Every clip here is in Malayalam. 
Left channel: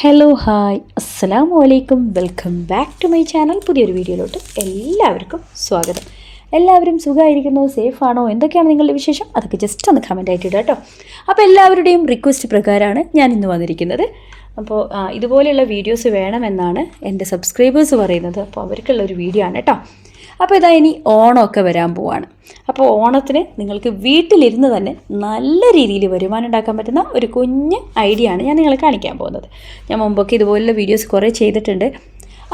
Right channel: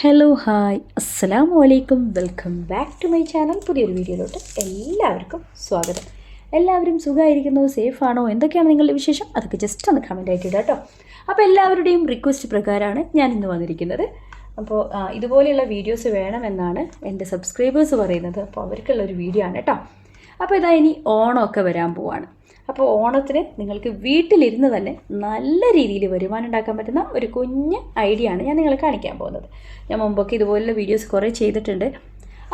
ഹലോ ഹായ് അസ്സാം വലൈക്കും welcome back to my channel പുതിയൊരു വീഡിയോയിലോട്ട് എല്ലാവർക്കും സ്വാഗതം. എല്ലാവരും സുഖമായിരിക്കുന്നു സേഫ് ആണോ എന്തൊക്കെയാണ് നിങ്ങളുടെ വിശേഷം? അതൊക്കെ ജസ്റ്റ് ഒന്ന് കമന്റ് ആയിട്ട് ഇടുക കേട്ടോ അപ്പോൾ എല്ലാവരുടെയും റിക്വസ്റ്റ് പ്രകാരമാണ് ഞാൻ ഇന്ന് വന്നിരിക്കുന്നത്. അപ്പോൾ ഇതുപോലെയുള്ള വീഡിയോസ് വേണമെന്നാണ് എന്റെ സബ്സ്ക്രൈബേഴ്സ് പറയുന്നത്. അപ്പോൾ അവർക്കുള്ള ഒരു വീഡിയോ ആണ് കേട്ടോ അപ്പോൾ ഇതാ ഇനി ഓണമൊക്കെ വരാൻ പോവാണ്. അപ്പോൾ ഓണത്തിന് നിങ്ങൾക്ക് വീട്ടിലിരുന്ന് തന്നെ നല്ല രീതിയിൽ വരുമാനം ഉണ്ടാക്കാൻ പറ്റുന്ന ഒരു കുഞ്ഞ് ഐഡിയ ആണ് ഞാൻ നിങ്ങളെ കാണിക്കാൻ പോകുന്നത്. ഞാൻ മുമ്പൊക്കെ ഇതുപോലുള്ള വീഡിയോസ് കുറേ ചെയ്തിട്ടുണ്ട്.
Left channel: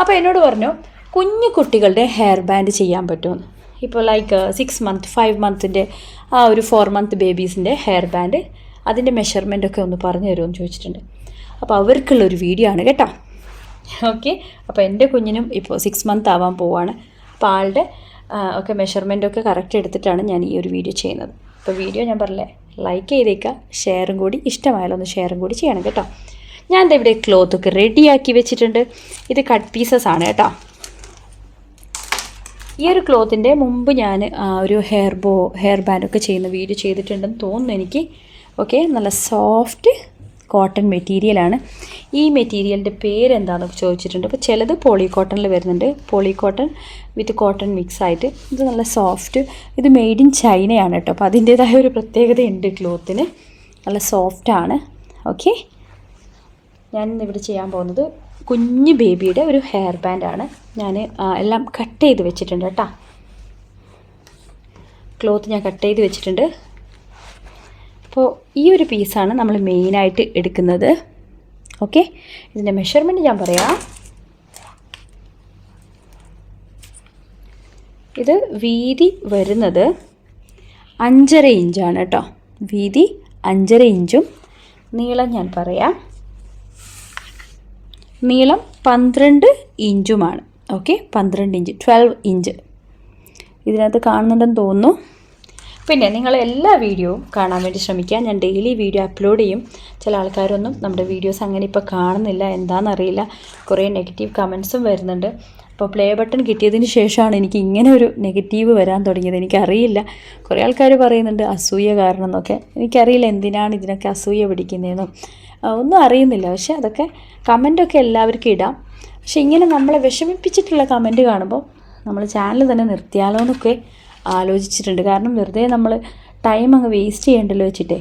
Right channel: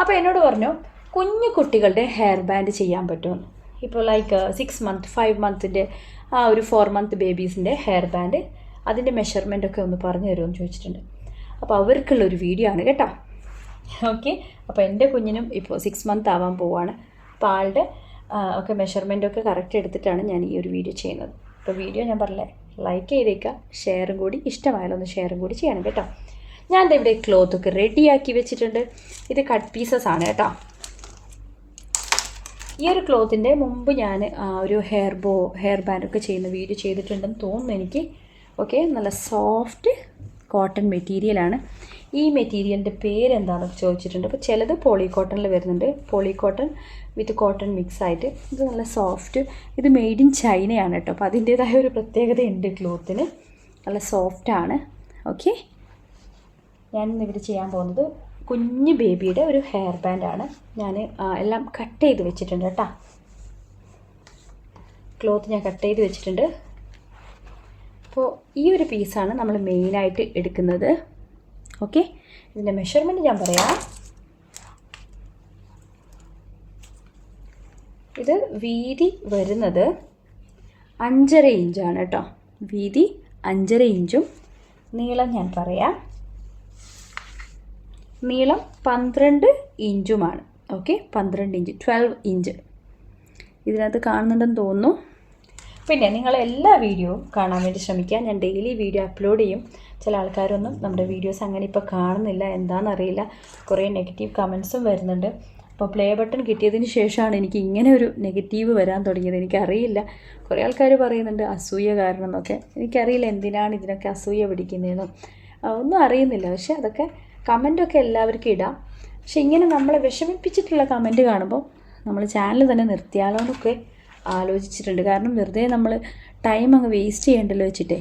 അപ്പോൾ എന്നോട് പറഞ്ഞു കുഞ്ഞു കുട്ടികളുടെ ഹെയർ ബാൻഡ് ചെയ്യാൻ പറ്റുമെന്ന്. ഇപ്പോൾ ലൈക്ക് സിക്സ് മന്ത് ഫൈവ് മന്തിന്റെ ആ ഒരു ഫോർ മന്ത് ബേബീസിന്റെ ഹെയർ ബാൻഡ് അതിന്റെ മെഷർമെന്റ് ഒക്കെ ഒന്ന് പറഞ്ഞു തരുമെന്ന് ചോദിച്ചിട്ടുണ്ട്. അപ്പോൾ അവർക്കുള്ളൊരു വീഡിയോ ആണ് കേട്ടോ. ഓക്കെ അപ്പോൾ എന്റെ കുഞ്ഞിനും ഇപ്പോൾ സിക്സ് മന്ത് ആവാൻ പോവാണ്. അപ്പോൾ ആളുടെ ഒക്കെ മെഷർമെന്റ് ഒക്കെ കറക്റ്റ് എടുത്തിട്ടാണ് ഞാൻ ഈ ഒരു വീഡിയോ ചെയ്യുന്നത്. അപ്പോൾ വീഡിയോ ഞാൻ പറഞ്ഞില്ലേ ലൈക്ക് ചെയ്തേക്കുക ഷെയറും കൂടി ഇഷ്ടമായാലും ഒന്ന് ഷെയറും കൂടി ചെയ്യണം കേട്ടോ. ഞാൻ ഇവിടെ ക്ലോത്ത് ഒക്കെ റെഡിയാക്കി വെച്ചിട്ടുണ്ട്. ഇത് കട്ട് പീസസ് ആണ് കേട്ടോ. ഈ ഒരു ക്ലോത്തിന്റെ മുമ്പ് ഞാൻ ഒരു ഹെയർ ബോ ഹെയർ ബാൻഡൊക്കെ ചെയ്യുന്ന വീഡിയോ ചെയ്തിട്ടുണ്ടെന്ന് തോന്നുന്നു എനിക്ക്. ഓക്കെ നല്ല സോഫ്റ്റ് കോട്ടൺ മെറ്റീരിയലാണ് ഈ മെറ്റീരിയലിന്റെ പേരെന്താണെന്ന് ചോദിച്ചിട്ടുണ്ട്. അപ്പോൾ ചിലത് പോളി കോട്ടണിൽ വരുന്നുണ്ട്. Poly cotton with cotton mix ആയിട്ട്. ഇത് നല്ല സോഫ്റ്റ് ഇത് മെയ്ഡ് ഇൻ ചൈനയാണ് കേട്ടോ അപ്പോൾ അതിന്റേതായ ഒരു പ്രത്യേകതയുണ്ട് ക്ലോത്തിന് നല്ല സോഫ്റ്റാണ് ഓക്കെ ഞാൻ ഇന്ന് ഇവിടെ ചെയ്യാൻ പോകുന്നത് കുഞ്ഞ് ബേബിയുടെ ഒരു ഹെയർ ബാൻഡാണ് ഞാൻ എല്ലാം കട്ട് ചെയ്ത് വെച്ചിട്ടുണ്ട് കേട്ടോ ക്ലോത്ത് ഞാൻ കട്ട് ചെയ്ത് വെച്ചിട്ടുണ്ട്. അപ്പോൾ ഈ ഒരു പീസാണ് നമ്മൾ മെയിനായിട്ട് എടുക്കുന്നത്. ഓക്കെ ഇതിന്റെ മെഷർമെന്റ് ഞാൻ പറയാം. ഇത് വീതി വരുന്നത് അഞ്ചര ഇഞ്ചാണ് കേട്ടോ. വീതി അഞ്ചര ഇഞ്ചും നീളം ഞാൻ പറയാം. നീളം പന്ത്രണ്ട് ഇഞ്ചുമാണ് ഓക്കെ പന്ത്രണ്ട് ഇഞ്ച് ട്വൽവ് ഇഞ്ച് ഇതിനകത്ത് കാണുന്നുണ്ടെന്ന് തോന്നുന്നു. പിന്നെ നിങ്ങൾ എല്ലാ വീഡിയോവും കാണാൻ വേണ്ടി ശ്രമിക്കുക ഞാൻ ഡെയിലി വീഡിയോ അപ്ലോഡ് ചെയ്യും. ചില ആൾക്കാരൊന്നും നമ്മുടെ വീഡിയോസ് അങ്ങനെ ഇപ്പോൾ കാണുന്നില്ല. എന്താണെന്നറിയില്ല കുറേ നെഗറ്റീവ് കമൻസും വരുന്നുണ്ട്. അപ്പോൾ പ്ലേ ബട്ടൺ കിട്ടിയതിന് ശേഷമാണ് എനിക്ക് ഇങ്ങനെ ഒരു നെഗറ്റീവ് വരാൻ തുടങ്ങിയത്. എനിക്കറിയില്ല. കുറേ ആൾക്കാർ പറയുന്നുണ്ട് അസൂയ കാരണം എന്നൊക്കെ. എനിക്കറിയില്ല എന്തിനാണ് ഇതിനൊക്കെ അസൂയ പിടിക്കുന്നതെന്നും. ഒന്നും അറിയുന്നില്ല. പക്ഷേ അതൊക്കെ കമന്റൊക്കെ എല്ലാവർക്കും ഇടാം. പക്ഷേ ഇങ്ങനെ നമ്മളെ വിഷമിപ്പിച്ചിട്ടുള്ള കമന്റ് കാണുമ്പോൾ നമ്മൾ ചാനൽ തന്നെ നിർത്തിയാലോ എന്നൊക്കെ ആലോചിച്ചിട്ടുണ്ട്. കാരണം വെറുതെ നമ്മൾ ടൈം അങ്ങ് വേസ്റ്റ് ചെയ്യണ്ടല്ലോ വെച്ചിട്ടേ.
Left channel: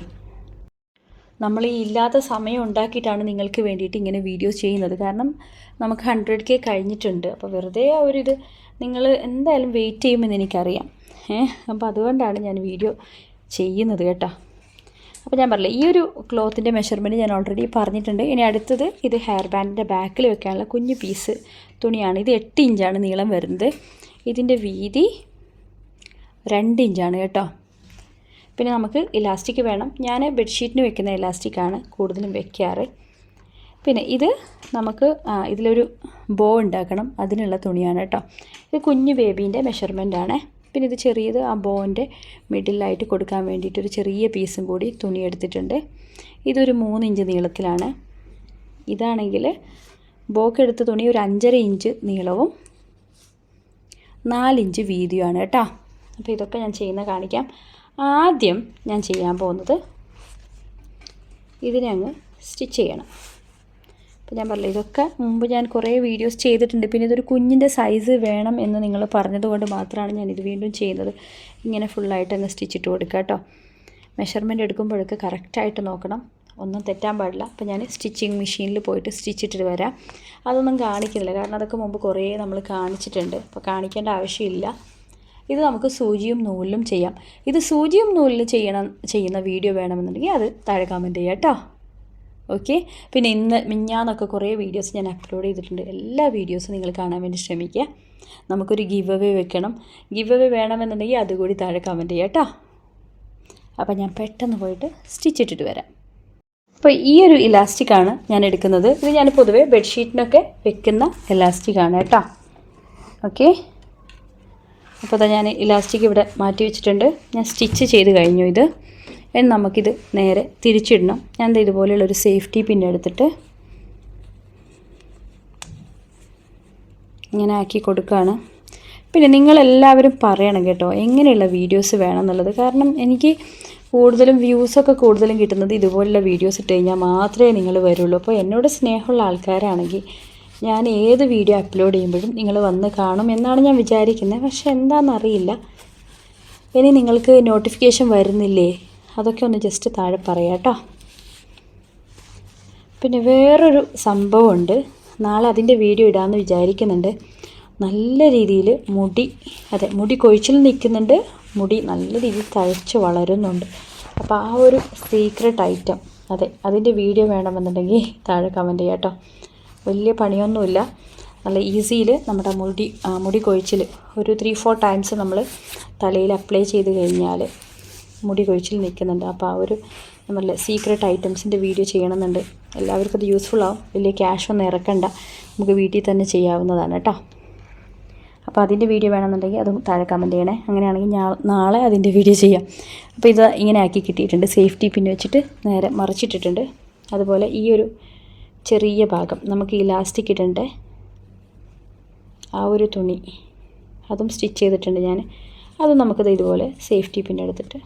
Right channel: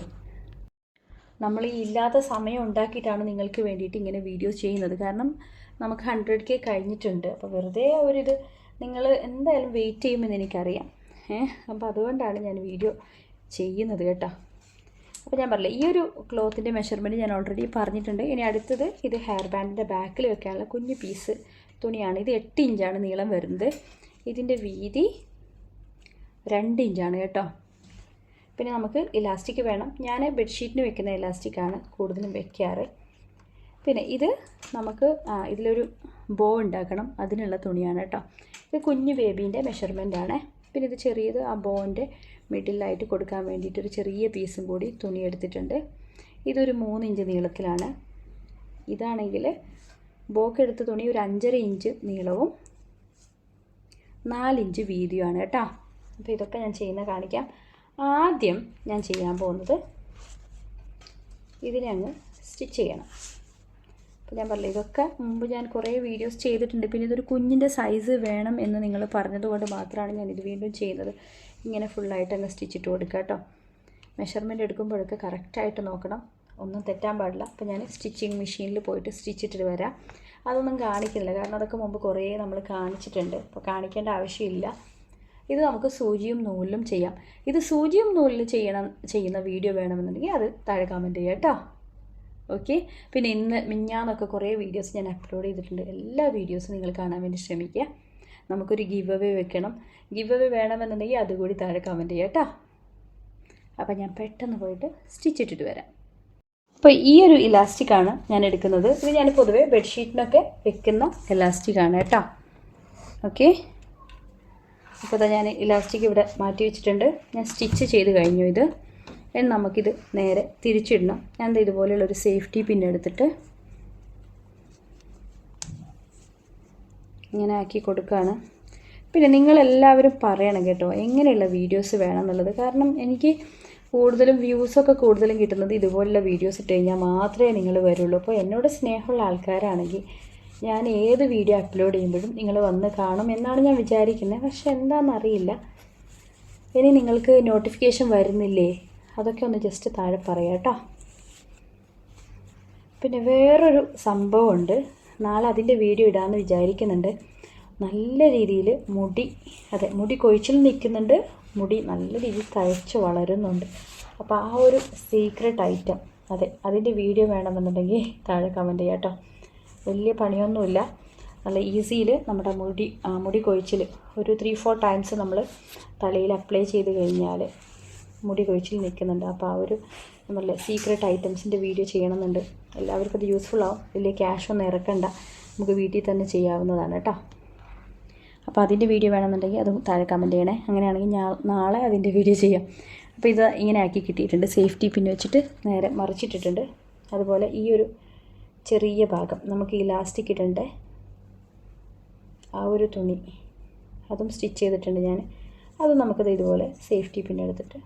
നമ്മൾ ഈ ഇല്ലാത്ത സമയം ഉണ്ടാക്കിയിട്ടാണ് നിങ്ങൾക്ക് വേണ്ടിയിട്ട് ഇങ്ങനെ വീഡിയോസ് ചെയ്യുന്നത്. കാരണം നമുക്ക് ഹൺഡ്രഡ് കെ കഴിഞ്ഞിട്ടുണ്ട്. അപ്പോൾ വെറുതെ ആ നിങ്ങൾ എന്തായാലും വെയിറ്റ് ചെയ്യുമെന്ന് എനിക്കറിയാം. ഏഹ് അപ്പോൾ അതുകൊണ്ടാണ് ഞാൻ വീഡിയോ ചെയ്യുന്നത് കേട്ടോ. അപ്പോൾ ഞാൻ പറഞ്ഞില്ല ഈ ഒരു ക്ലോത്തിന്റെ മെഷർമെന്റ് ഞാൻ ഓൾറെഡി പറഞ്ഞിട്ടുണ്ട്. ഇനി അടുത്തത് ഇത് ഹെയർ ബാൻഡിന്റെ ബാക്കിൽ വെക്കാനുള്ള കുഞ്ഞു പീസ് തുണിയാണ്. ഇത് എട്ട് ഇഞ്ചാണ് നീളം വരുന്നത്. ഇതിന്റെ വീതി രണ്ട് ഇഞ്ചാണ് കേട്ടോ. പിന്നെ നമുക്ക് ഇലാസ്റ്റിക് വേണം. ഞാൻ ബെഡ്ഷീറ്റിന് വെക്കുന്ന ഇലാസ്റ്റിക്കാണ് കൂടുതലും വെക്കാറ്. പിന്നെ ഇത് നമുക്ക് ഇതിലൊരു ബോ ഉണ്ടാക്കണം. അതിനുള്ള തുണിയാണ് കേട്ടോ. ഇത് കുഞ്ഞു ബേബീന്റെ ആണ്. പിന്നെ ഇത് ചെറിയത് ആ ബോന്റെ മിഡിലായിട്ട് കൊടുക്കാൻ വേണ്ടിയിട്ട് ഒരു ചെറിയ പീസും കൂടി തുണി എടുത്തിട്ടുണ്ട്. ഇതൊരു മൂന്ന് ഇഞ്ച് നീളത്തിലാണ്. ഇതാണെങ്കിൽ ബോക്ക് എടുത്ത തുണി ഒരു അഞ്ചര ഇഞ്ച് നീളവും നാലിഞ്ച് വീതിയുമാണ് കേട്ടോ. അപ്പോൾ ഇതൊക്കെ ഞാൻ ചെയ്യുന്ന കാണിക്കാം. ആദ്യം ഞാൻ ചെയ്യാൻ പോകുന്നത് ഇതിനെ അങ്ങ് സ്റ്റിച്ച് ചെയ്യണം. അപ്പോൾ ഞാൻ പറഞ്ഞില്ല ഇതൊക്കെ മുമ്പ് ഞാൻ കുറേ വീഡിയോസ് ചെയ്തിട്ടുണ്ട്. പിന്നെ ഇതൊരു കുഞ്ഞിന്റെ സൈസ് വേണം എന്ന് നിങ്ങൾ പറഞ്ഞതുകൊണ്ട് മാത്രമാണ് ഞാൻ ഇത് വീണ്ടും ചെയ്യുന്നത്. ഇങ്ങനെ ഫുള്ളായിട്ട് അങ്ങ് സ്റ്റിച്ചിട്ട് കൊടുക്കുക കേട്ടോ. മെഷർമെന്റ് എടുക്കുമ്പോഴൊക്കെ കറക്റ്റായിട്ട് നോക്കണം. ഒന്നും തെറ്റാൻ പാടില്ല. അപ്പോൾ ഞാൻ സ്റ്റിച്ചിങ് മെഷീനിൽ പോയിട്ട് സ്റ്റിച്ചിട്ട് വരാം. അതൊന്നും കാണിക്കുന്നില്ല. കാരണം അതൊക്കെ മുമ്പ് കുറേ നമ്മൾ കാണിച്ചിട്ടുണ്ട്. അപ്പോൾ കാണിക്കേണ്ട ആവശ്യമില്ല. ഇത് നമുക്ക് സൂചിയും നൂലിലും ചെയ്യാം. ഇത് സൂചിയും നൂലിലും ചെയ്യണം ചെയ്യുന്ന വീഡിയോ വേണമെന്നുണ്ടെങ്കിൽ അത് താഴെ കമന്റ് ചെയ്യാം കേട്ടോ. ഓക്കെ പിന്നെ ഇന്ന് മിഞ്ഞാന്നൊക്കെ കുറേ വീഡിയോസ് ഞാൻ അപ്ലോഡ് ചെയ്തിട്ടുണ്ട്. എല്ലാ വീഡിയോസും നിങ്ങൾ കാണാൻ വേണ്ടി ശ്രമിക്കുക. നമുക്കൊരു ഗിവ് അവേ വെക്കണം. ഗിവ് അവേ വേണമെന്നുണ്ടെങ്കിൽ അതുകൂടി താഴെ കമന്റ് ചെയ്യാം കേട്ടോ. അപ്പോൾ ഞാൻ പെട്ടെന്ന് പോയിട്ട് സ്റ്റിച്ച് ഇട്ടിട്ട് വരാം. അപ്പോൾ ഈ ഒരു ഇലാസ്റ്റിക്കാണ് ഞാൻ എടുക്കുന്നത്. ഇത് ഞാൻ പൊതുവേ ബെഡ്ഷീറ്റിനൊക്കെ വെക്കുന്ന ഇലാസ്റ്റിക്കാണ് കേട്ടോ. ഓക്കെ അപ്പോൾ ഞാൻ ഇലാസ്റ്റിക് ഇവിടെ മാറ്റി വെച്ചിട്ടുണ്ട്. ഞാൻ സ്റ്റിച്ച് ചെയ്ത് കഴിഞ്ഞു ഇത്. ഇനി നമുക്കിത് നേരെ തിരിച്ചിടണം. ഞാൻ ഇതുപോലെയുള്ളൊരു സേഫ്റ്റി പിൻ എടുത്തിട്ട് ഇങ്ങനെ ആക്കി കൊടുക്കുകയാണ്. പിന്നെ നിങ്ങളെല്ലാവരും പറയണം കേട്ടോ എങ്ങനെയുള്ള വീഡിയോസ് വേണം എന്നുള്ളത്. കാരണം എനിക്ക് കൂടുതലും വ്യൂസൊക്കെ കൂടുതലും കിട്ടുന്നത് ഇതുപോലുള്ള വീഡിയോസ് ഇട്ട് കഴിഞ്ഞാൽ മാത്രമേ നിങ്ങൾ വരുള്ളൂ. അപ്പോൾ എന്നോട് സ്നേഹമുള്ള ആൾക്കാരാണെങ്കിൽ ഞാൻ ഏത് വീഡിയോ അപ്ലോഡ് ചെയ്യുമ്പോഴും നിങ്ങൾ വന്ന് കാണും എന്നാണ് ഞാൻ വിചാരിക്കുന്നത്. പക്ഷെ എന്താണെന്നറിയില്ല. ഇനി നിങ്ങൾക്ക് നോട്ടിഫിക്കേഷൻ വരുന്നില്ലേ? അതൊക്കെ ഒന്ന് ജസ്റ്റ് താഴെ പറയാം കേട്ടോ. പിന്നെ വേറൊരു സംഭവമുണ്ട്. നാളെ അതിന്റെ വീഡിയോ ഇടാമെന്ന് വിചാരിക്കുന്നുണ്ട്. നല്ല രീതിയിൽ മുടി അതെ മുടി കൊഴിച്ചിൽ നിൽക്കുന്നുണ്ട്. മുടി നല്ല രീതിയിൽ തഴച്ച് വളരുന്നുണ്ട്. അപ്പോൾ ആ ഒരു സീക്രട്ട് ഐറ്റം അതെ അതിന്റെ വീഡിയോ വേണമെന്നുണ്ടെങ്കിൽ താഴെ കമന്റ് ചെയ്യാം കേട്ടോ. വലിയ പണിയൊന്നുമില്ല. നല്ല ഈസിയിൽ നമ്മുടെ മുടി മുടി കൊഴിച്ചിൽ ഒരു ത്രീ ഫോർ ടൈംസ് നമ്മൾ തലയിൽ അപ്ലൈ ചെയ്ത് കഴിഞ്ഞാൽ മുടി കൊഴിച്ചിൽ നിൽക്കുന്നുണ്ട്. അപ്പോൾ ആ ഒരു നമ്മളെ സീക്രട്ട് ഐറ്റംസിന്റെ വീഡിയോ ചെയ്യണമെന്നുണ്ട്. എല്ലാവർക്കും അത് യൂസ്ഫുൾ ആവും. വലിയ ക്യാഷ് ഒന്നും ഇറക്കണ്ട. നമുക്ക് വീട്ടിൽ തന്നെ ചെയ്യാവുന്നതാണ് കേട്ടോ. അപ്പോൾ അതിന്റെ വീഡിയോ വേണമെന്നുണ്ടെങ്കിൽ അതും താഴെ കമന്റ് ചെയ്യണേ. അങ്ങനെയാണെങ്കിൽ നാളെ അതിന്റെ വീഡിയോ ചെയ്യാം. അപ്പോൾ ഇത് ഇങ്ങനെ ആക്കി കിട്ടിയിട്ടുണ്ട്. സേഫ്റ്റി പിന്നെ വെച്ചിട്ട് നേരെ മറിച്ചിട്ടിട്ടുണ്ട്. അതുപോലെ ഈ ഒരു ചെറിയ ഭാഗം. നമുക്ക് ഇലാസ്റ്റിക് ഇടേണ്ട? ആ ഒരു തുണി. അതും സ്റ്റിച്ച് ചെയ്തിട്ടുണ്ട് ഞാൻ അത് നമുക്കത് ഇതുപോലെ സേഫ്റ്റി പിൻ എടുത്തിട്ട്.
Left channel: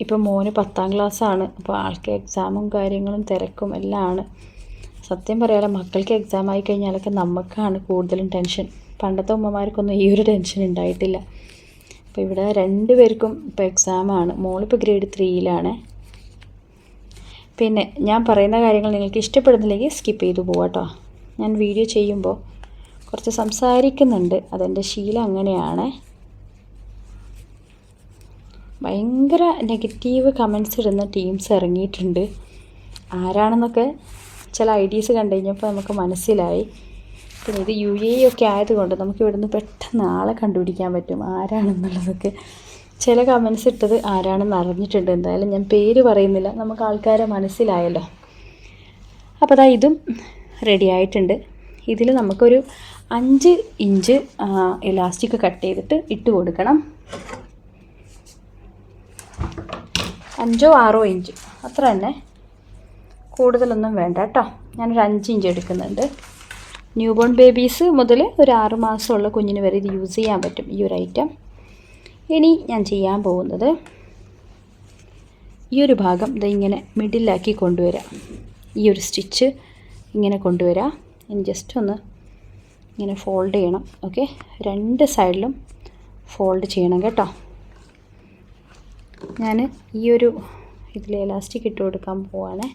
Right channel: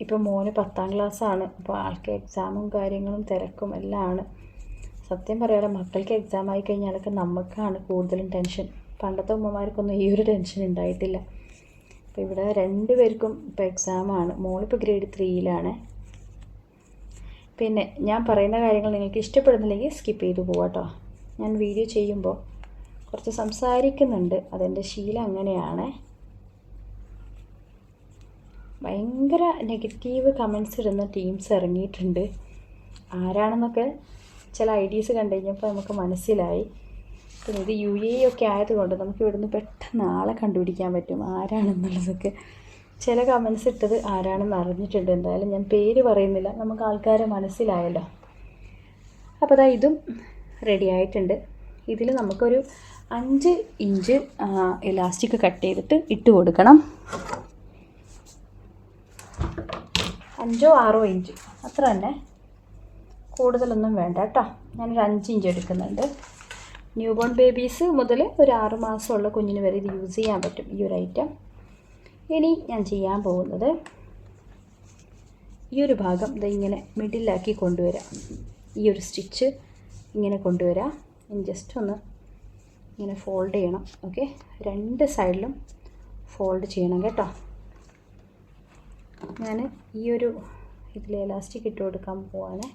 ഇപ്പം മോന് പത്താം ക്ലാസ്സാണ് അപ്പോൾ ആൾക്ക് എക്സാമും കാര്യങ്ങളും തിരക്കും എല്ലാം ആണ്. സത്യം പറയാലോ മക്കൾക്ക് എക്സാം ആയി കഴിഞ്ഞാലൊക്കെ നമുക്കാണ് കൂടുതലും ടെൻഷൻ പണ്ടത്തെ ഉമ്മമാർക്കൊന്നും ഈ ഒരു ടെൻഷൻ ഉണ്ടായിട്ടില്ല. അപ്പോൾ ഇവിടെ രണ്ട് പേർക്കും ഇപ്പോൾ എക്സാമാണ് മോളിപ്പോൾ ഗ്രേഡ് ത്രീയിലാണ് പിന്നെ ഞാൻ പറയുന്ന കാര്യങ്ങൾ നിങ്ങൾക്ക് ഇഷ്ടപ്പെടുന്നില്ലെങ്കിൽ സ്കിപ്പ് ചെയ്തു പോവാട്ടോ ഞാൻ വീഡിയോ ചെയ്യുമ്പോൾ കുറച്ച് സംസാരിക്കുന്നുണ്ട്. അതെന്റെ ശീലം അങ്ങനെയാണ്. ഭയങ്കര നെഗറ്റീവ് കമൻസ് ഇടുന്ന ടീംസ് ഇറങ്ങിയിട്ടുണ്ട്. ആരാണെന്നൊക്കെ ചില ഐ ഡീസ് കണ്ടു കഴിഞ്ഞപ്പോൾ നമുക്ക് മനസ്സിലായി. പിന്നെ ഇത് യു എ ഒക്കെ ആയതുകൊണ്ട് നമുക്ക് ഇവിടുന്ന് പെട്ടെന്ന് ആളെ കണ്ടുപിടിക്കാൻ പറ്റും ആരാണെന്നുള്ളതൊക്കെ. ചില കമൻസ് ഇട്ടത് ആരാണെന്ന് അറിഞ്ഞിട്ടുണ്ട്. എന്തായാലും ഞാൻ പേര് പറയുന്നില്ല. നമുക്ക് ആൾക്കാരെ മനസ്സിലായല്ലോ. അപ്പോൾ അതാ ഇതും റെഡി ആയിട്ടുണ്ട്. ഇതിൽ നമുക്കൊരു അഞ്ച് ഇഞ്ച് ഇലാസ്റ്റിക് കട്ട് ചെയ്തിട്ട് ഇട്ട് കൊടുക്കണം. അഞ്ചോ ആറോ ഇഞ്ച്. അത്ര തന്നെ. കൂടുതലൊന്നും വേണ്ട കേട്ടോ. ഞാനൊരു അഞ്ച് ഇഞ്ച് എടുക്കുന്നുണ്ട്. ന്യൂ ബോൺ ബേബീസ് മുതൽ ഒരു ആറ് മാസമുള്ള കുഞ്ഞിന് വരെ ഇത് യൂസ് ചെയ്യാൻ പറ്റും ഈ ഒരു ഐറ്റം ഇനി ഞാൻ ചെയ്യാൻ പോകുന്നത് ഈ ഒരു ഭാഗം ഇത് ഇങ്ങനെ മിഡിലാക്കി കൊണ്ടുവരാം. ഈ ഒരു സ്റ്റിച്ച് ഇങ്ങനെ കൊണ്ടുവരാം. ഇനി ജസ്റ്റ് ഒന്ന് ഇങ്ങനെ ഫോൾഡ് ചെയ്യണം. ഓക്കെ രണ്ട് സൈഡിലും ഫോൾഡ് ചെയ്യണം കേട്ടോ. ഞാൻ ഈ ഒരു ഇതിൽ ഇലാസ്റ്റിക് ഇട്ട് കൊടുക്കാൻ പോവാണ്.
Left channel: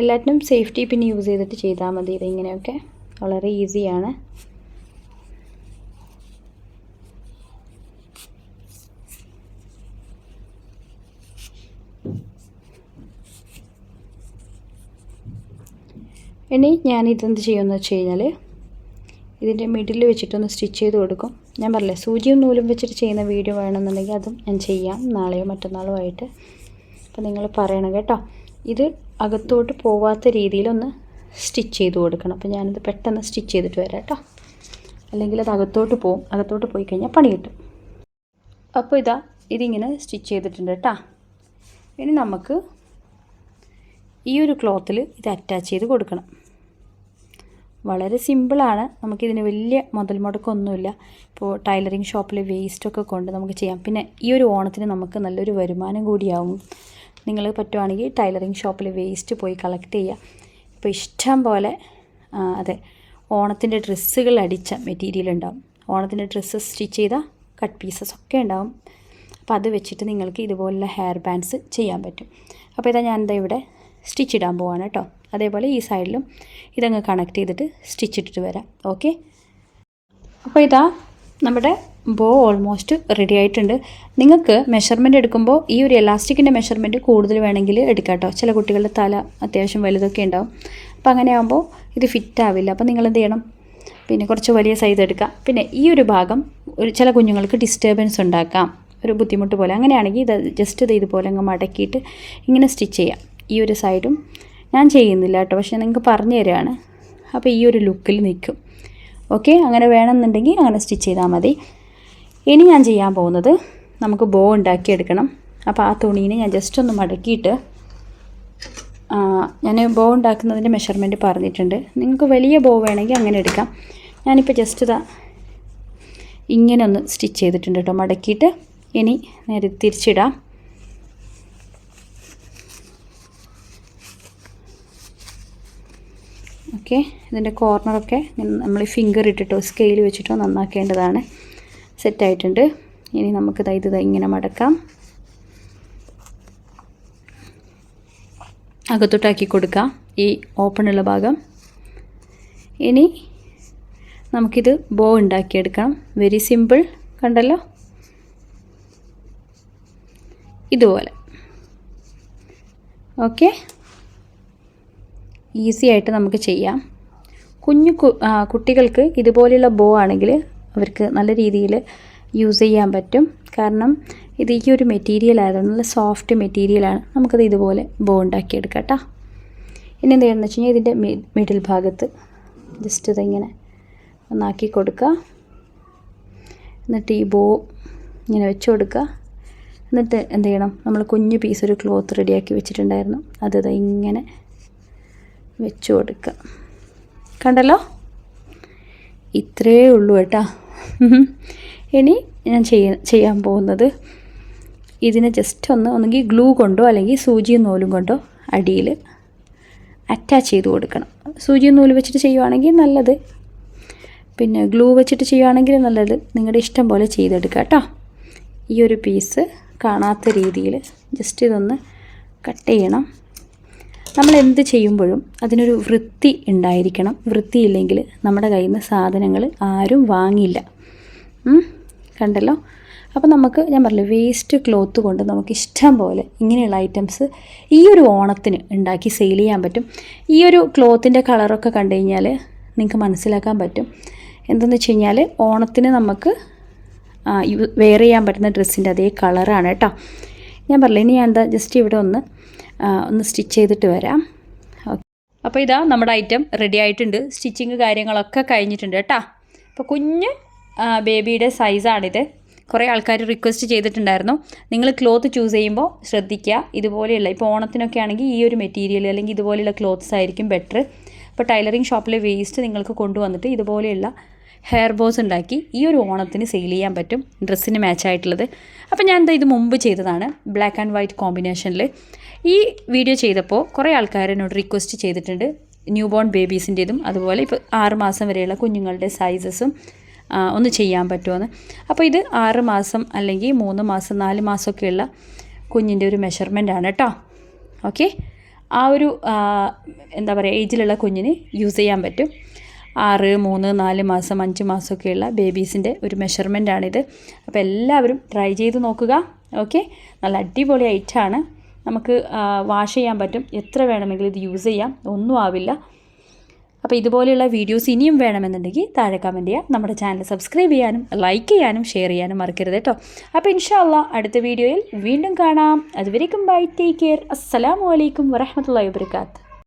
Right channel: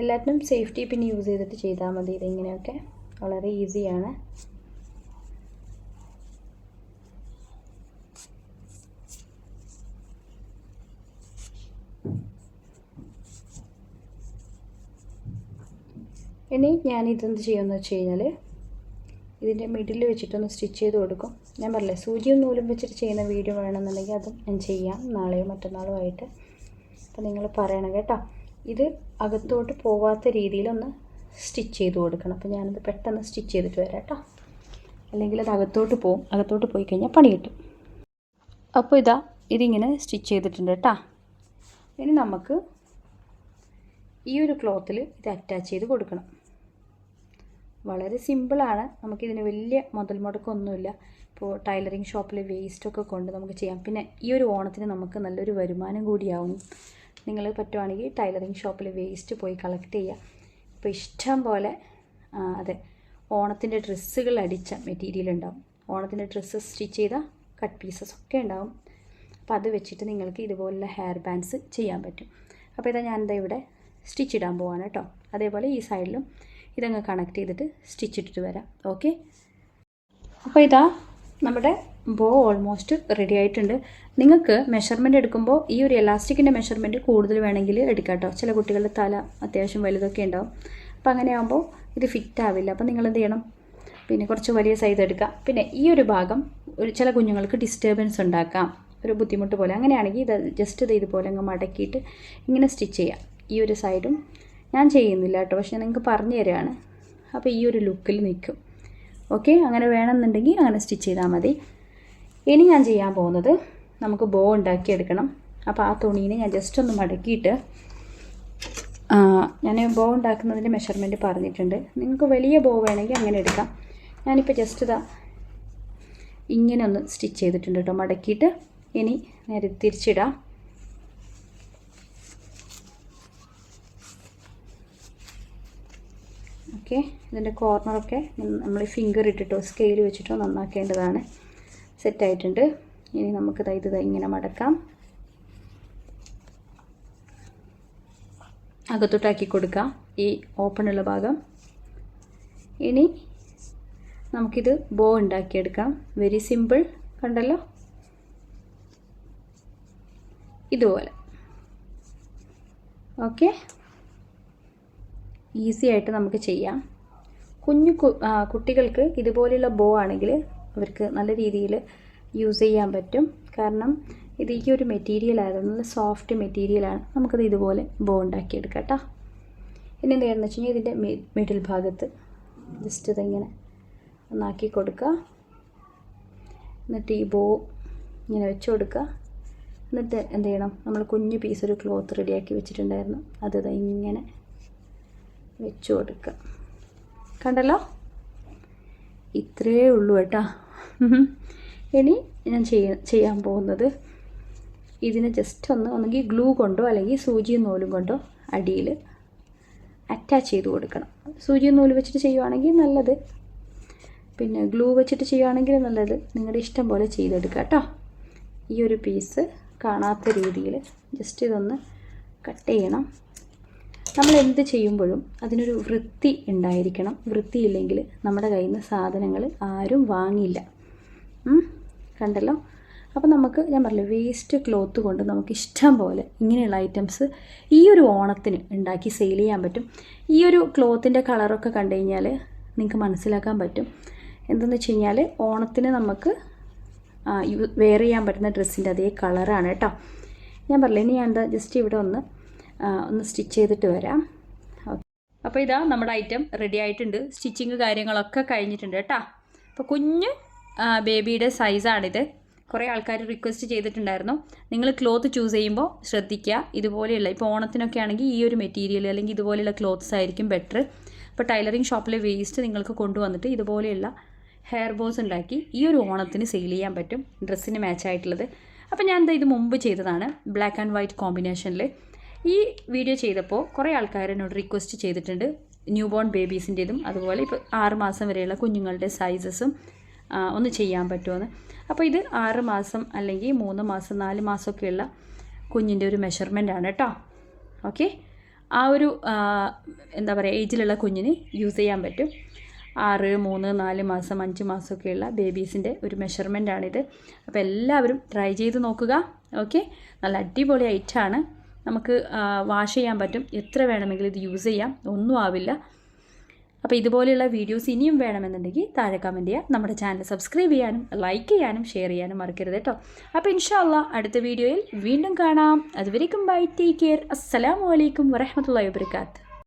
എല്ലാറ്റിനും സേഫ്റ്റി പിന്നെ യൂസ് ചെയ്തിട്ട് ചെയ്താൽ മതി ഇത് ഇങ്ങനെയൊക്കെ. വളരെ ഈസിയാണ് ഇനി ഞാൻ ഇതെന്ത് ചെയ്യുമെന്ന് വെച്ച് കഴിഞ്ഞാൽ ഇതിന്റെ മിഡിൽ വെച്ചിട്ടൊന്ന് സ്റ്റിച്ച് ചെയ്ത് കൊടുക്കും. ഞാൻ പറഞ്ഞില്ലേ സൂചിയും നൂലും വെച്ചിട്ട് ചെയ്യുന്ന വീഡിയോ വേണമെന്നുണ്ടെങ്കിൽ അതും ഞാൻ ചെയ്യാം നാളെയോ മറ്റന്നാളോ ആയിട്ട്. അപ്പോൾ നിങ്ങൾ പറയണം കേട്ടോ. ഇത് അകത്തോട്ട് പോവാത്ത രീതിയിലൊന്ന് സ്റ്റിച്ച് ചെയ്ത് കൊടുക്കണം. അപ്പോൾ ഞാനിത് പെട്ടെന്ന് സ്റ്റിച്ച് ചെയ്തിട്ട് വരാം കേട്ടോ. അല്ലെങ്കിൽ അത് അകത്തോട്ട് പോവും. അകത്തോട്ട് പോയി കഴിഞ്ഞാൽ പണി കിട്ടും. അപ്പോൾ ഇതാ ഇതിങ്ങനെ സ്റ്റിച്ച് ചെയ്തിട്ടുണ്ട് കേട്ടോ. ഇനി നമുക്ക് ഈ ഒരു ക്ലോത്തിൽ ഇത് അറ്റാച്ച് ചെയ്ത് കൊടുക്കണം. വളരെ സിമ്പിളാണ് നമുക്കിതിന് വലിയ മുതൽ മുടക്കൊന്നുമില്ല. ഇപ്പോൾ ടൈലറിങ് ഷോപ്പിൽ വേസ്റ്റൊക്കെ കൊണ്ട് നമുക്ക് ചെയ്യാം. പിന്നെ ഈ ഒരു ഓണത്തിന് നമുക്ക് നല്ലൊരു വരുമാനം കൂടിയാവും. നിങ്ങൾ പറ്റുവാണെങ്കിൽ ടൈലറിങ് ഷോപ്പിൽ വേസ്റ്റ് പോയി കളക്ട് ചെയ്യുക ഇപ്പോൾ ഇഷ്ടം പോലെ അതെ ഓണത്തിന്റെ ഡ്രസ്സുകൾ അടിച്ച മെറ്റീരിയൽ ഉണ്ടാവും. ഓണത്തിന്റെ ഡ്രസ്സ് സ്റ്റിച്ച് ചെയ്ത കട്ട് പീസസ് ഒക്കെ ഉണ്ടാവും. അപ്പോൾ അത് വെച്ചിട്ട് നിങ്ങൾക്ക് ഇതുപോലുള്ള ഹെയർ ബാൻഡ്സ് ചെയ്യാൻ പറ്റും. അപ്പോൾ ഇതാ ഞാൻ എന്താ ഇവിടെ സ്റ്റിച്ച് ഇടാൻ പോവാണ് കേട്ടോ. അതേപോലെ ഈ സൈഡിലും ഇതങ്ങ് കണക്ട് ചെയ്തിട്ട് സ്റ്റിച്ച് ഇട്ടിട്ട് വരാം. ഓക്കെ? അപ്പോൾ ഇതാ നമ്മുടെ ബോ ഓൾമോസ്റ്റ് റെഡി ആയിട്ടുണ്ട്. നിങ്ങൾക്ക് മെഷർമെന്റ് എടുക്കുമ്പോൾ ഈ ഒരു എലാസ്റ്റിക്കിന്റെ മെഷർമെന്റ് കൂടുതൽ വേണമെങ്കിൽ എടുക്കാം കേട്ടോ ചില കുട്ടികളുടെ തല അത്യാവശ്യം വലുതൊക്കെ ഉണ്ടാവും. അപ്പോൾ അങ്ങനെ ആകുമ്പോൾ ഇത് ഫിറ്റ് ആവില്ല. അപ്പോൾ നിങ്ങൾ എന്ത് ചെയ്യണം? പിന്നെ കുറച്ച് വലിയ സൈസ് എടുക്കുക പിന്നെ ഈ ഒരു ഭാഗം ഒരു ചില കുഞ്ഞുങ്ങൾക്ക് ഡിസ്റ്റർബൻസ് ഉണ്ടാക്കാം. ഒരു ബുദ്ധിമുട്ട് പോലെ. അങ്ങനെയാണെങ്കിൽ ഇത് ജസ്റ്റ് ഇത് ഇതുപോലെ അങ്ങ് മടക്കിയിട്ട് ഇങ്ങനെ സ്റ്റിച്ച് ചെയ്യാം. ഈ ഒരു സൈഡും ഞാൻ ചെയ്യുന്നില്ല കേട്ടോ പക്ഷേ നിങ്ങൾക്ക് പറഞ്ഞു തരികയാണ് അപ്പോൾ ഈ ഒരു ലുക്കിൽ നിൽക്കും. ഓക്കെ അങ്ങനെ വേണമെന്നുണ്ടെങ്കിൽ അങ്ങനെ സ്റ്റിച്ച് ചെയ്താൽ മതി. ഇനി ഞാൻ ചെയ്യാൻ പോകുന്നത് നമുക്ക് ബോ ഉണ്ടാക്കിയെടുക്കണം അപ്പോൾ ആ തുണീനെ ഞാൻ ജസ്റ്റ് ഒന്ന് മടക്കിയിട്ട് ഞാൻ ബോ ഉണ്ടാക്കുന്നതിന്റെ മെഷർമെന്റ് പറഞ്ഞിട്ടുണ്ട്. നിങ്ങൾക്ക് വലിയ ബോ വേണമെങ്കിൽ അങ്ങനെ എടുക്കാം. ഞാനിപ്പോൾ ജസ്റ്റ് ഇതാ ഇങ്ങനെ ഒന്ന് സ്റ്റിച്ച് ചെയ്തിട്ടുണ്ട് കേട്ടോ മടക്കിയിട്ട് ഇനി നേരെ തിരിച്ചിടാം. ഓക്കെ ഇതിന്റെ കോർണറൊക്കെ നമ്മൾ ഫിംഗർ ഇട്ടിട്ടോ സ്കെയിൽ വെച്ചിട്ടോ നന്നാക്കേണ്ടതാണ്. സെറ്റായിട്ടുണ്ട്. ഇനി നമുക്ക് ഇത് ഇങ്ങനെ മടക്കാം. അകത്തോട്ടാക്കി കൊടുക്കാം. ഈ ഓപ്പണുള്ള ഭാഗം. ഇനി നമുക്കിത് ബോ ഉണ്ടാക്കിയെടുക്കണം. വെരി സിമ്പിൾ കണ്ടല്ലോ? ഇതുപോലെ. ഓക്കെ ഈസി ആയിട്ട് നമുക്ക് ചെയ്യാം. കുഞ്ഞു കുട്ടികൾക്ക് ഇതുപോലെയുള്ള ബോ ആണെങ്കിൽ അവർക്ക് നല്ല രീതിയിൽ യൂസ് ചെയ്യാൻ പറ്റും. കാരണം ഇത് ഈ ഒരു മെറ്റീരിയൽ ആയിരുന്നു നല്ല സോഫ്റ്റ് മെറ്റീരിയലാണ് നമുക്കത് ഇതുപോലെ ബോ ഉണ്ടാക്കിയെടുക്കാം കേട്ടോ ഇനി എന്ത് ചെയ്യുന്നത് വെച്ച് കഴിഞ്ഞാൽ ഇതിന്റെ മിഡിൽ ഭാഗത്ത് ജസ്റ്റ് ഇതിങ്ങനെ ഒന്നാക്കി കൊടുക്കുക. എന്നിട്ട് ഈ ബോ ഇങ്ങനെ വെച്ച് കൊടുക്കുക. എന്നിട്ട് എന്ത് ചെയ്യണം? നമ്മൾ കുഞ്ഞു പീസ് ഒരു ക്ലോത്ത് റെഡിയാക്കി വെച്ചിട്ടുണ്ടായിരുന്നു. അത് ഇങ്ങനെ വെച്ച് കൊടുക്കുക. കണ്ടല്ലോ? ഇത്രയേ ഉള്ളൂ കേട്ടോ. ഇനി ഞാൻ ചെയ്യ ചെയ്യാൻ പോകുന്നത് ഇതിനെ ജസ്റ്റ് ഒന്ന് ഒന്നുകിൽ ഗ്ലൂ കൊണ്ടോ അല്ലെങ്കിൽ സൂചിയും നൂലും കൊണ്ടോ അടിയിൽ അറ്റാച്ച് ചെയ്ത് കൊടുക്കണം. സൂചിയും നൂൽ വെച്ചിട്ട് ചെയ്യുവാണെങ്കിൽ നല്ലത്. പിന്നെ ഗ്ലൂ വെച്ചിട്ട് ചെയ്യുവാണെങ്കിൽ നല്ലത്. നിങ്ങളുടെ ഇഷ്ടം പോലെ ചെയ്തെടുക്കുക കേട്ടോ. ഈ ഒരു പീസ് കാണാത്ത രീതിയിൽ ജസ്റ്റ് ഇതൊന്ന് കട്ട് ചെയ്യണം. നമ്മൾ എന്ത് ചെയ്യുമ്പോഴും അതിനൊരു വൃത്തി ഉണ്ടായിരിക്കണം. വൃത്തിയില്ലെങ്കിൽ നമ്മുടെ കയ്യിൽ നിന്ന് സാധനങ്ങൾ ആരും വാങ്ങില്ല കണ്ടല്ലോ? അപ്പോൾ നമുക്ക് ഞാൻ പറഞ്ഞില്ല വേസ്റ്റ് ക്ലോത്ത് കൊണ്ട് നമുക്ക് ഇഷ്ടം പോലെ ഇങ്ങനെയുള്ള ഐറ്റംസ് ഈ ഒരു ഓണത്തിന് ഉണ്ടാക്കി സെയിൽ ചെയ്യാൻ പറ്റും. ഈ ഒരു ക്ലോത്തിന്റെ കളറൊക്കെ കണ്ടു കഴിഞ്ഞാൽ നിങ്ങൾക്ക് മനസ്സിലാക്കാൻ പറ്റും. എന്തെന്ന് വെച്ച് കഴിഞ്ഞാൽ ഓണത്തിന് നമുക്ക് വെയർ ചെയ്യാൻ പറ്റുന്ന ഡ്രസ്സിന്റെ അതേ കളറാണ് കേട്ടോ. ഞാൻ പറഞ്ഞില്ല ഇനി ഞാൻ എന്താ ജസ്റ്റ് ഇവിടെ ഒന്ന് ഒന്ന് സ്റ്റിച്ച് ചെയ്തിട്ട് വരാം. അപ്പോൾ ഇതാ നമ്മുടെ ഐറ്റം റെഡി ആയിട്ടുണ്ട്. സ്റ്റിച്ചിങ് കാര്യങ്ങളൊക്കെ കഴിഞ്ഞിട്ടുണ്ട് കേട്ടോ. അപ്പോൾ കുഞ്ഞ് ബേബിയുടെ സൈസാണിത് കുറേ ആൾക്കാർ റിക്വസ്റ്റ് ചെയ്തിട്ടുണ്ടായിരുന്നു. നിങ്ങൾ ക്ലോത്ത് ചൂസ് ചെയ്യുമ്പോൾ ശ്രദ്ധിക്കുക ഇതുപോലെയുള്ള ഇപ്പോൾ ഓണത്തിനൊക്കെ ആണെങ്കിൽ ഈ ഒരു മെറ്റീരിയൽ അല്ലെങ്കിൽ ഇതുപോലെയുള്ള ക്ലോത്ത്സ് ആയിരിക്കും ബെറ്റർ ഇപ്പോൾ ടൈലറിങ് ഷോപ്പിലെ വേസ്റ്റ് നിങ്ങൾക്ക് കൊണ്ടുവന്നിട്ട് ഇതുപോലെയുള്ള ഹെയർ ബോസ് ഉണ്ടാക്കി ഈ ഒരു ഓണത്തിന് സെയിൽ ചെയ്യാൻ പറ്റും. ഡ്രസ്സിന് മാച്ചായിട്ടുള്ളത് അപ്പോൾ ഞാൻ എന്താ ഇത് മുമ്പ് ചെയ്തതാണ്. ബ്ലാക്ക് ആൻഡ് വൈറ്റ് കോമ്പിനേഷനിൽ ഈ വീഡിയോ ചെയ്തപ്പോൾ കുറേ ആൾക്കാർ എന്നോട് റിക്വസ്റ്റ് ചെയ്തിട്ടുണ്ട്. ന്യൂ ബോൺ ബേബീസിന്റെതും അതുപോലെ ഇപ്പോൾ ആറ് മാസം വരെയുള്ള കുഞ്ഞുങ്ങളുടെ സൈസസും ഒന്ന് ചെയ്യാൻ പറ്റുമെന്ന് അപ്പോൾ ഇത് ആറ് മാസം അല്ലെങ്കിൽ മൂന്ന് മാസം നാല് മാസമൊക്കെയുള്ള കുഞ്ഞിന്റെ ഒരു മെഷർമെന്റ് ആണ് കേട്ടോ ഓക്കെ ആ ഒരു എന്താ പറയുക ഏജിലുള്ള കുഞ്ഞിന് യൂസ് ചെയ്യാൻ പറ്റും. ആറ് മൂന്ന് നാല് മാസം അഞ്ച് മാസമൊക്കെയുള്ള ബേബീസിന്റെ ഒരു മെഷർമെന്റ് ആണിത്. അപ്പോൾ എല്ലാവരും ട്രൈ ചെയ്ത് നോക്കുക. ഓക്കെ നല്ല അടിപൊളി ഐറ്റാണ് നമുക്ക് വാഷ് ചെയ്യാൻ പറ്റും. എത്ര വേണമെങ്കിലും ഇത് യൂസ് ചെയ്യാം. ഒന്നും ആവില്ല. അപ്പോൾ ഇതുപോലെയുള്ള വീഡിയോസ് ഇനിയും വേണമെന്നുണ്ടെങ്കിൽ താഴെ കമന്റ് ചെയ്യാം. നമ്മുടെ ചാനൽ സബ്സ്ക്രൈബ് ചെയ്യാനും ലൈക്ക് ചെയ്യാനും ഷെയർ ചെയ്യാനും മറക്കരുത് കേട്ടോ അപ്പോൾ ഇൻഷാല്ല അടുത്ത വീഡിയോയിൽ വീണ്ടും കാണാം. അതുവരേക്കും ബൈ ടേക്ക് കെയർ അസ്സലാമു അലൈക്കും വരഹമത്തല്ലാ വാബർക്കാത്ത്